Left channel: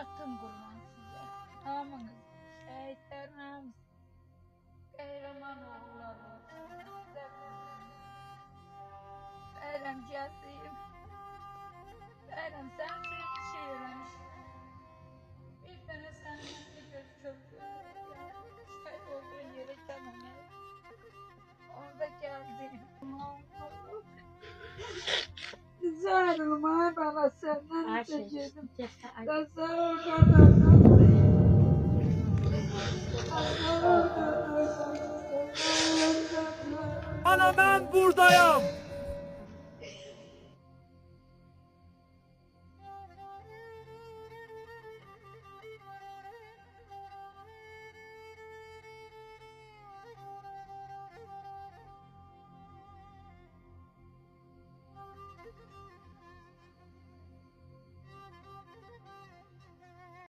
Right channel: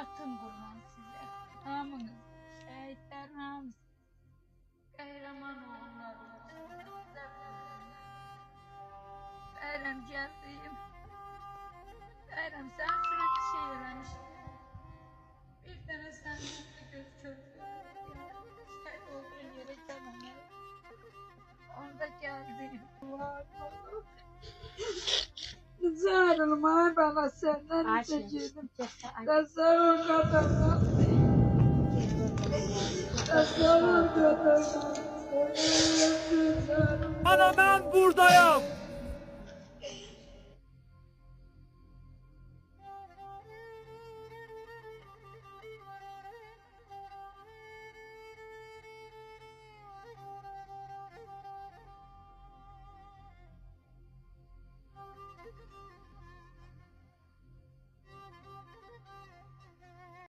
Hayatım kurban size. Hamınız, şehitler hamısı. Kahraman oğullarımız. Bayram geldim. Bayram sen sürekli şey öğrenmiş. Bir tane sen de göz çocuğu. Şehit olduğun yere gelmem. Orada geldim. Zarım ay bana senden çekildim. Tasarruf kadından. Tasarruf kadından. Ana ben buradayım.